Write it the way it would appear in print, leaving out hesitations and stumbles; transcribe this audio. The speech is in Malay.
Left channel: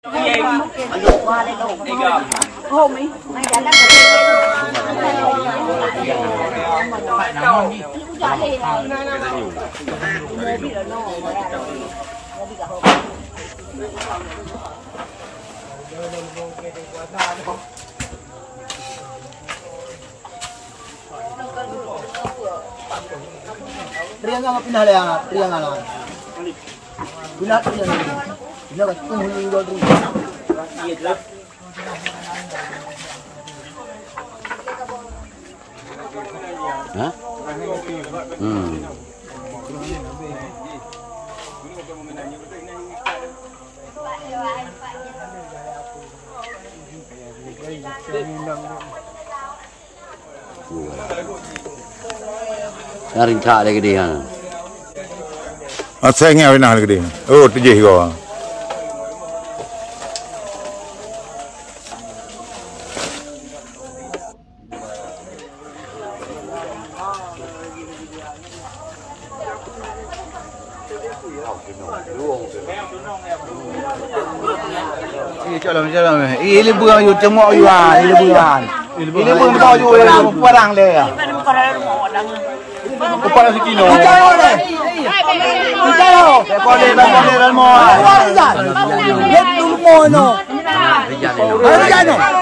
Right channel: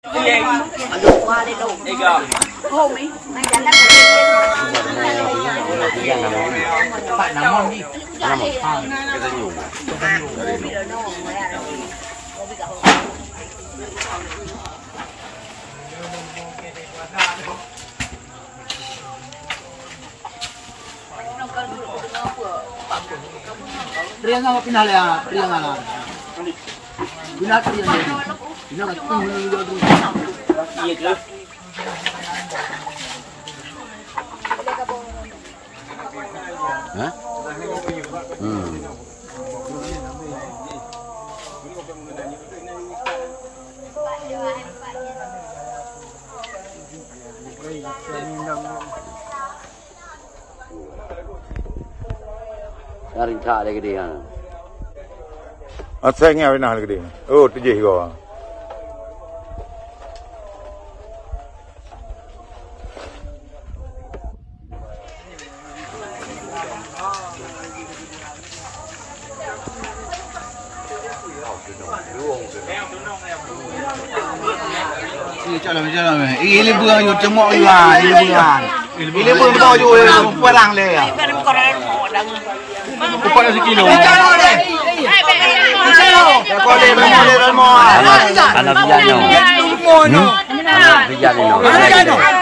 Priang sama pindah ya, priang ala. Pindah priang. Pindah kat kumung dulu tu. Iya jelas. Narin cak lagi dia. Saya ingat benar lagi dia. Oh, terjeh kau. Jalan. Ini buang you cemok you ah, ini buang. Ini buang kau you parang le ya. Kupat sekilo. Jalan le. Jalan. Kau ni mo. Jalan. Jalan dulu mo no. Jalan.